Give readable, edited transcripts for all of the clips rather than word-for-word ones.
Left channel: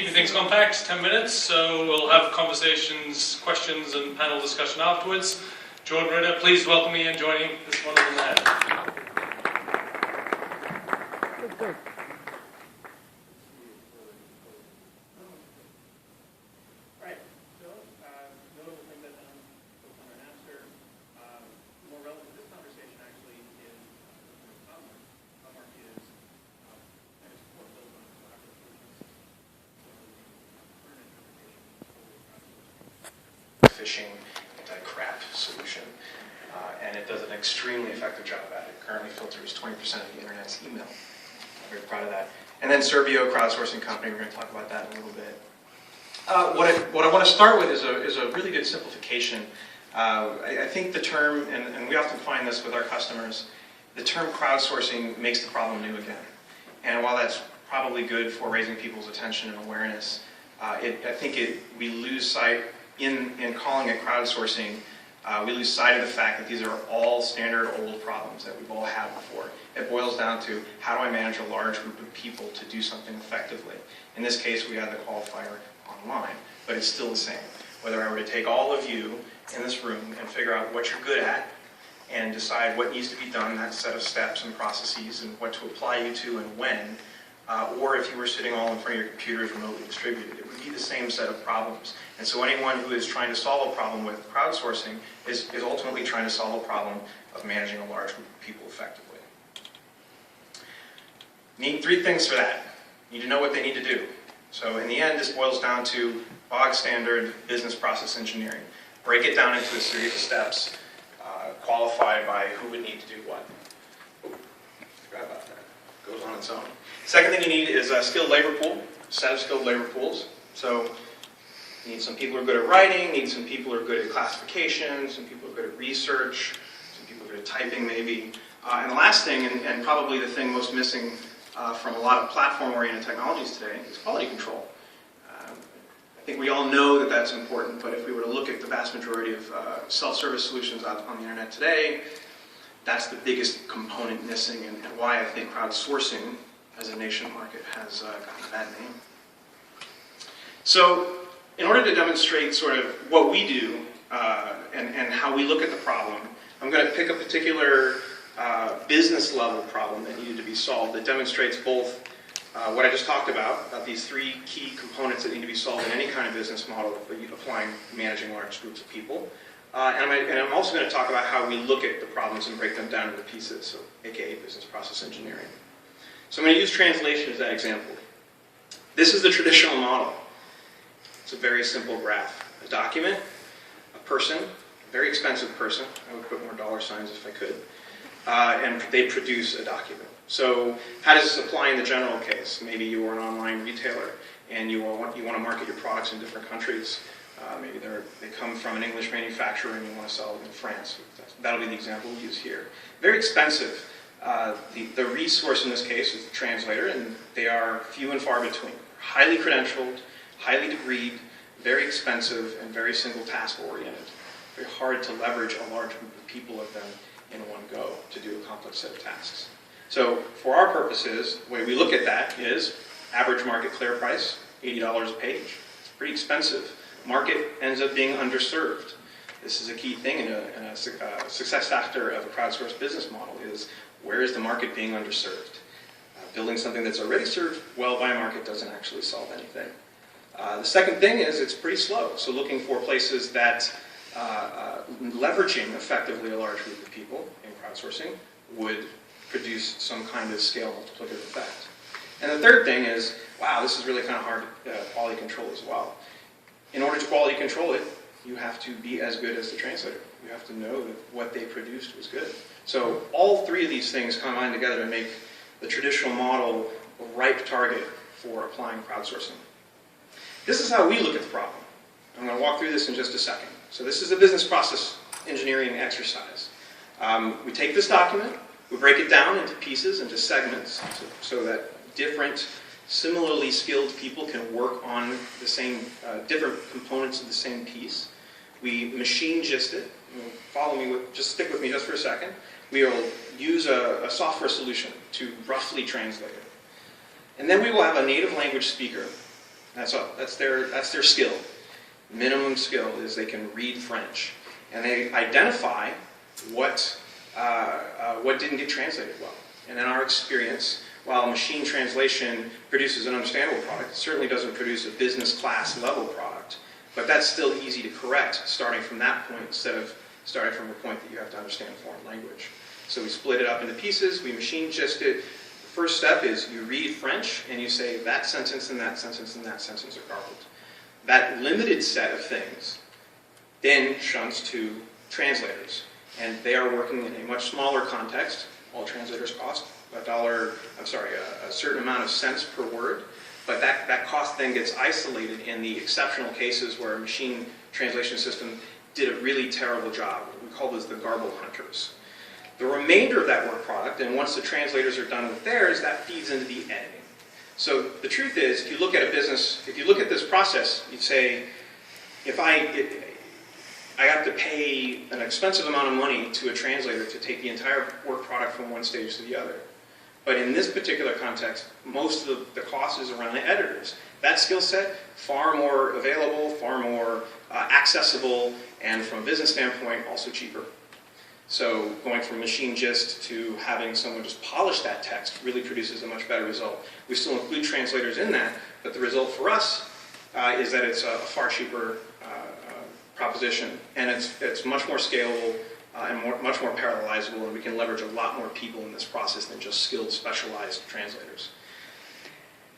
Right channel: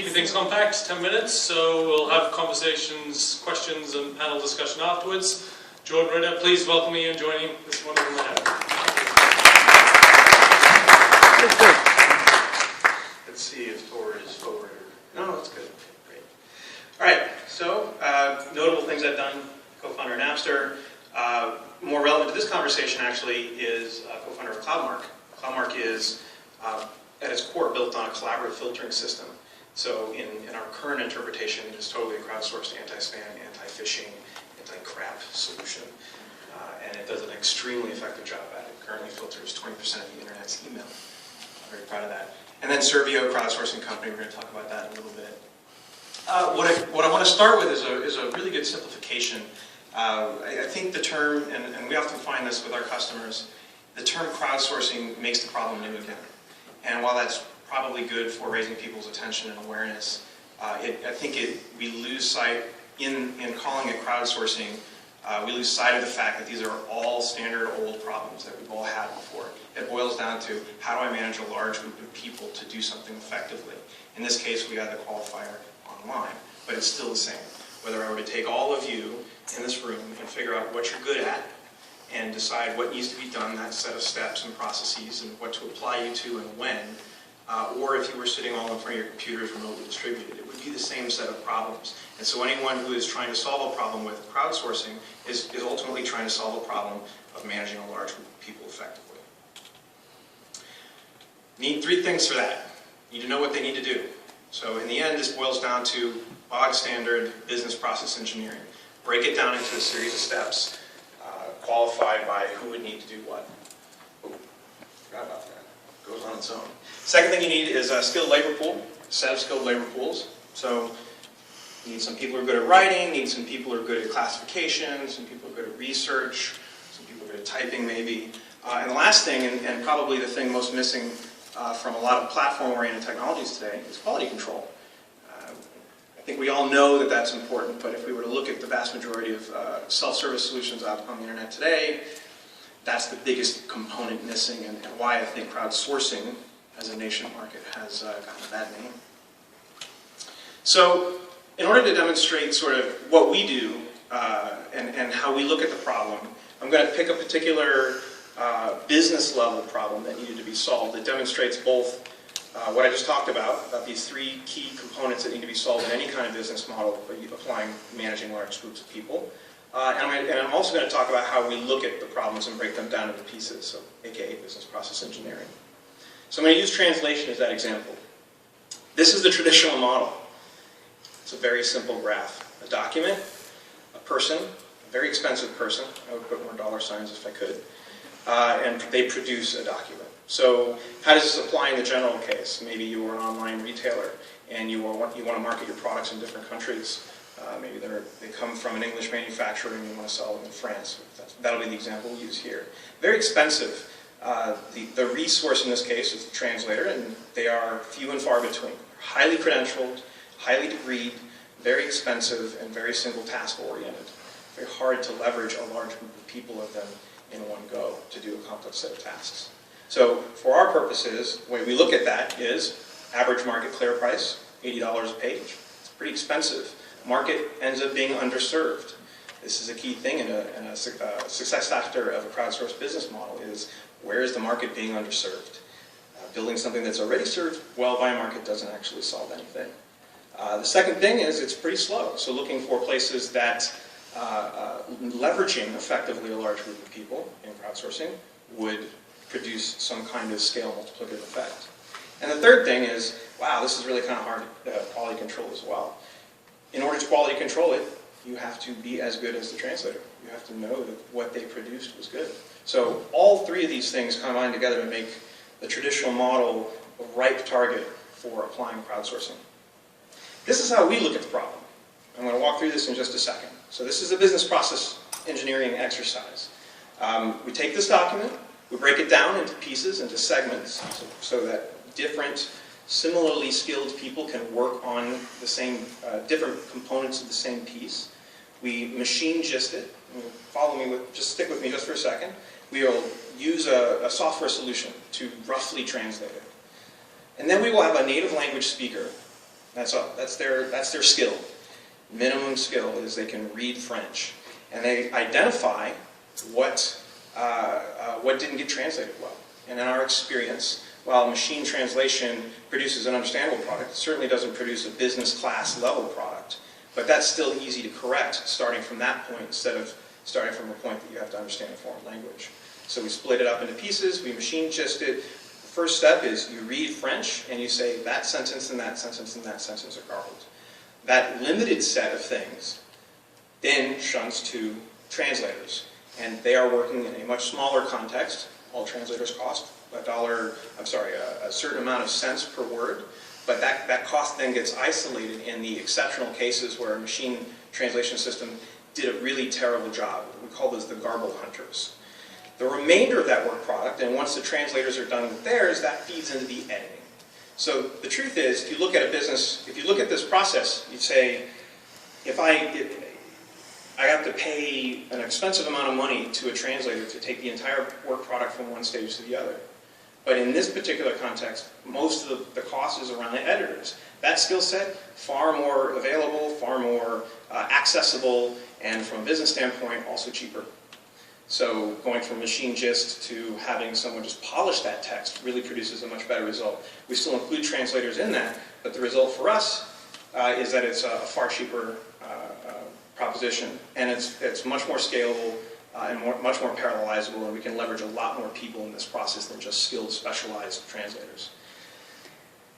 keeping things compact, 10 minutes, so we'll have conversations, questions, and panel discussion afterwards. Jordan Ritter, please welcome me and joining this wonderful night. Let's see if forward is forward. No, that's good. Great. All right, so notable things I've done, co-founder of Napster. More relevant to this conversation, actually, is co-founder of CloudMark. CloudMark is, at its core, built on a collaborative filtering system. So in our current interpretation, it is totally a crowdsourced anti-spam, anti-phishing, anti-crap solution. And it does an extremely effective job at it. Currently filters 20% of the internet's email. I'm very proud of that. And then Servio, crowdsourcing company, we're going to talk about that in a little bit. What I want to start with is a really good simplification. I think the term, and we often find this with our customers, the term crowdsourcing makes the problem new again. And while that's probably good for raising people's attention and awareness, I think we lose sight, in calling it crowdsourcing, we lose sight of the fact that these are all standard old problems that we've all had before. It boils down to, how do I manage a large group of people to do something effectively? In this case, we had the qualifier online, but it's still the same. Whether I were to take all of you in this room and figure out what you're good at and decide what needs to be done, that set of steps and processes and what to apply you to and when, or if you were sitting all in front of your computers remotely distributed, it would be the same set of problems. And so anyone who is trying to solve a problem with crowdsourcing is ultimately trying to solve a problem of managing a large group of people effectively. Need three things for that. Need to know what they need to do. So in the end, this boils down to bog standard business process engineering. Break it down into a series of steps, qualified by who would need to do what. Oh, forgot about that. Goes on its own. Second thing you need is a skilled labor pool, a set of skilled labor pools. So you need some people who are good at writing, need some people who are good at classification, some people who are good at research, some people who are good at typing maybe. And the last thing, and probably the thing most missing from a lot of platform-oriented technologies today, is quality control. I think we all know that that's important, but if we were to look at the vast majority of self-service solutions out on the internet today, that's the biggest component missing, and why I think crowdsourcing as a nation market has gotten that name. So, in order to demonstrate sort of what we do and how we look at the problem, I'm going to pick a particular business level problem that needed to be solved that demonstrates both what I just talked about these three key components that need to be solved in any kind of business model applying managing large groups of people. And I'm also going to talk about how we look at the problems and break them down into pieces, so aka business process engineering. So I'm going to use translation as that example. This is the traditional model. It's a very simple graph. A document, a person, a very expensive person, I would put more dollar signs if I could, and they produce a document. So how does this apply in the general case? Maybe you are an online retailer and you want to market your products in different countries. Maybe they come from an English manufacturer and you want to sell them in France. That'll be the example we use here. Very expensive. The resource in this case is the translator, and they are few and far between. Highly credentialed, highly degreed, very expensive, and very single task oriented. Very hard to leverage a large group of people of them in one go to do a complex set of tasks. So for our purposes, the way we look at that is average market clear price, $80 a page. It's pretty expensive. Market ends up being underserved. This is a key thing in a success factor of a crowdsourced business model is, where is the market being underserved? Building something that's already served well by a market doesn't actually solve anything. The second thing is it's pretty slow. So looking for places that leveraging effectively a large group of people in crowdsourcing would produce some kind of scale multiplicative effect. And the third thing is, wow, this is really kind of hard to quality control as well. In order to quality control it, you have to be as good as the translator. You have to know that what they produced was good. So all three of these things combine together to make the traditional model a ripe target for applying crowdsourcing. This is how we look at the problem. I'm going to walk through this in just a second. So this is a business process engineering exercise. We take this document, we break it down into pieces, into segments, so that different similarly skilled people can work on the same, different components of the same piece. We machine gist it. Follow me, just stick with me just for a second. We will use a software solution to roughly translate it. And then we will have a native language speaker That's all. That's their skill. Minimum skill is they can read French, and they identify what didn't get translated well. And in our experience, while machine translation produces an understandable product, it certainly doesn't produce a business class level product. But that's still easy to correct, starting from that point instead of starting from a point that you have to understand a foreign language. So we split it up into pieces. We machine gist it. The first step is you read French and you say that sentence and that sentence and that sentence are garbled. That limited set of things then shunts to translators. And they are working in a much smaller context. All translators cost a certain amount of cents per word. But that cost then gets isolated in the exceptional cases where a machine translation system did a really terrible job. We call those the garble hunters. The remainder of that work product, and once the translators are done with theirs, that feeds into the editing. So the truth is, if you look at a business, if you look at this process, you'd say, if I have to pay an expensive amount of money to a translator to take the entire work product from one stage to the other. But in this particular context, most of the cost is around the editors. That skill set, far more available, far more accessible, and from a business standpoint, also cheaper. So going from machine gist to having someone just polish that text really produces a much better result. We still include translators in that, but the result for us is that it's a far cheaper proposition, and it's much more scalable and much more parallelizable, and we can leverage a lot more people in this process than just skilled, specialized translators.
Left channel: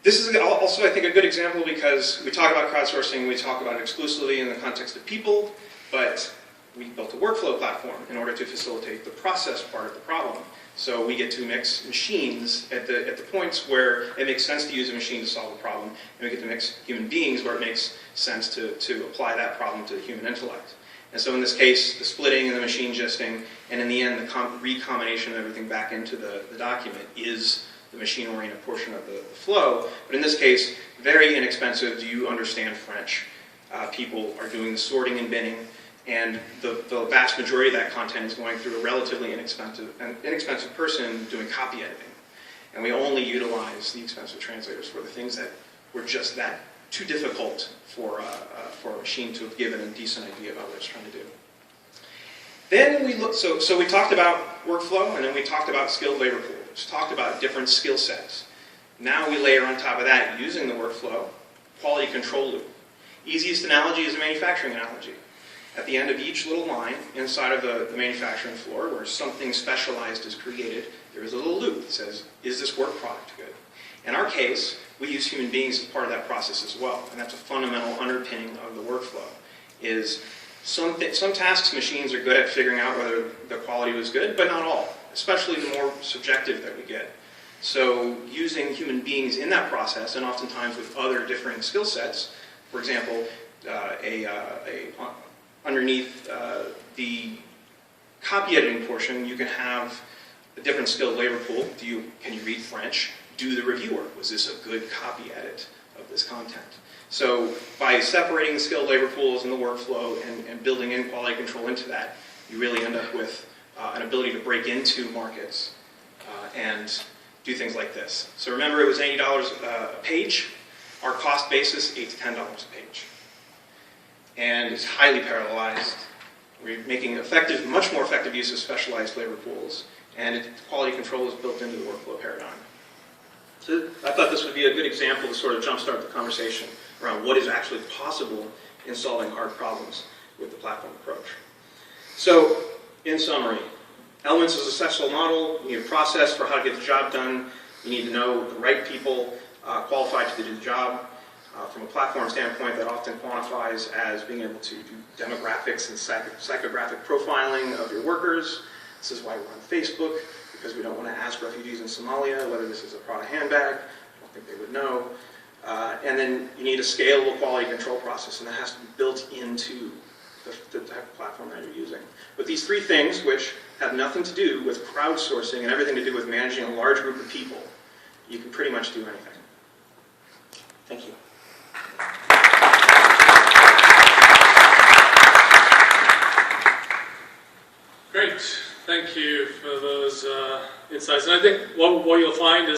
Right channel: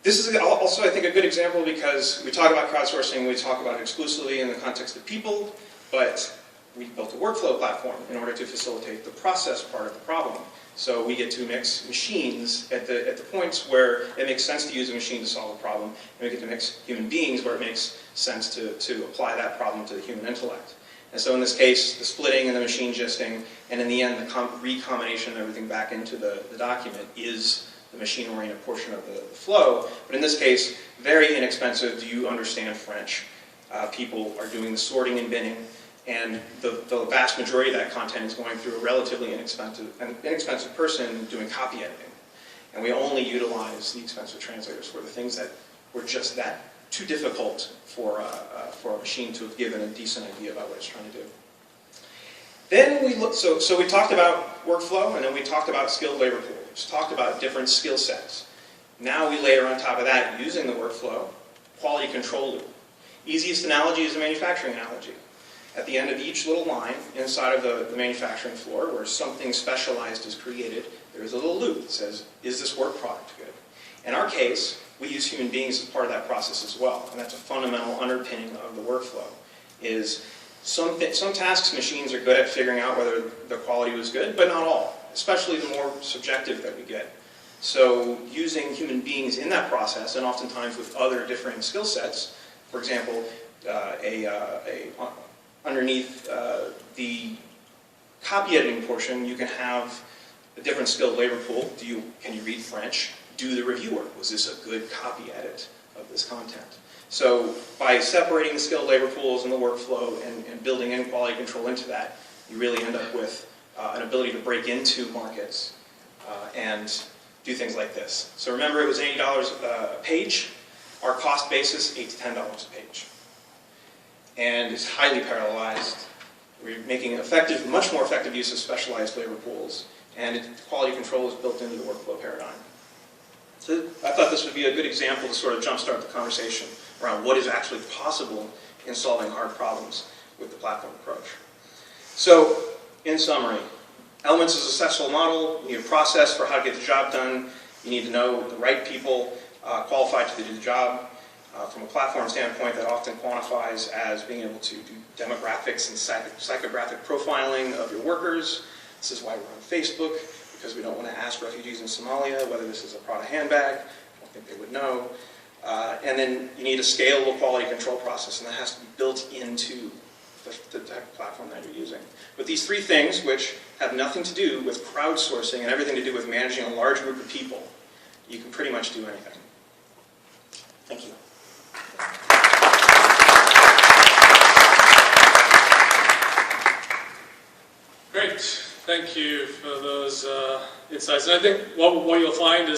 This is also, I think, a good example because we talk about crowdsourcing, we talk about it exclusively in the context of people, but we built a workflow platform in order to facilitate the process part of the problem. So we get to mix machines at the points where it makes sense to use a machine to solve a problem, and we get to mix human beings where it makes sense to apply that problem to the human intellect. And so in this case, the splitting and the machine gisting, and in the end, the recombination of everything back into the document is the machine-oriented portion of the flow. But in this case, very inexpensive. Do you understand French? People are doing the sorting and binning, and the vast majority of that content is going through a relatively inexpensive person doing copy editing. And we only utilize the expensive translators for the things that were just that too difficult for a machine to have given a decent idea about what it's trying to do. Then we look, so we talked about workflow, and then we talked about skilled labor pool. We talked about different skill sets. Now we layer on top of that, using the workflow, quality control loop. Easiest analogy is a manufacturing analogy. At the end of each little line inside of the manufacturing floor where something specialized is created, there is a little loop that says, is this work product good? In our case, we use human beings as part of that process as well, and that's a fundamental underpinning of the workflow. Is some tasks machines are good at figuring out whether the quality was good, but not all, especially the more subjective that we get. So using human beings in that process, and oftentimes with other different skill sets, for example, underneath the copy editing portion, you can have a different skilled labor pool. Can you read French? Do the review work. Was this a good copy edit of this content? So by separating the skilled labor pools and the workflow and building in quality control into that, you really end up with an ability to break into markets and do things like this. So remember, it was $80 a page. Our cost basis, $8 to $10 a page. And it's highly parallelized. We're making much more effective use of specialized labor pools, and quality control is built into the workflow paradigm. So I thought this would be a good example to sort of jumpstart the conversation around what is actually possible in solving hard problems with the platform approach. So, in summary, elements of a successful model. You need a process for how to get the job done. You need to know the right people qualified to do the job. From a platform standpoint, that often quantifies as being able to do demographics and psychographic profiling of your workers. This is why we're on Facebook, because we don't want to ask refugees in Somalia whether this is a Prada handbag. I don't think they would know. And then you need a scalable quality control process, and that has to be built into the type of platform that you're using. But these three things, which have nothing to do with crowdsourcing and everything to do with managing a large group of people, you can pretty much do anything. Thank you. Great. Thank you for those insights. And I think what you'll find is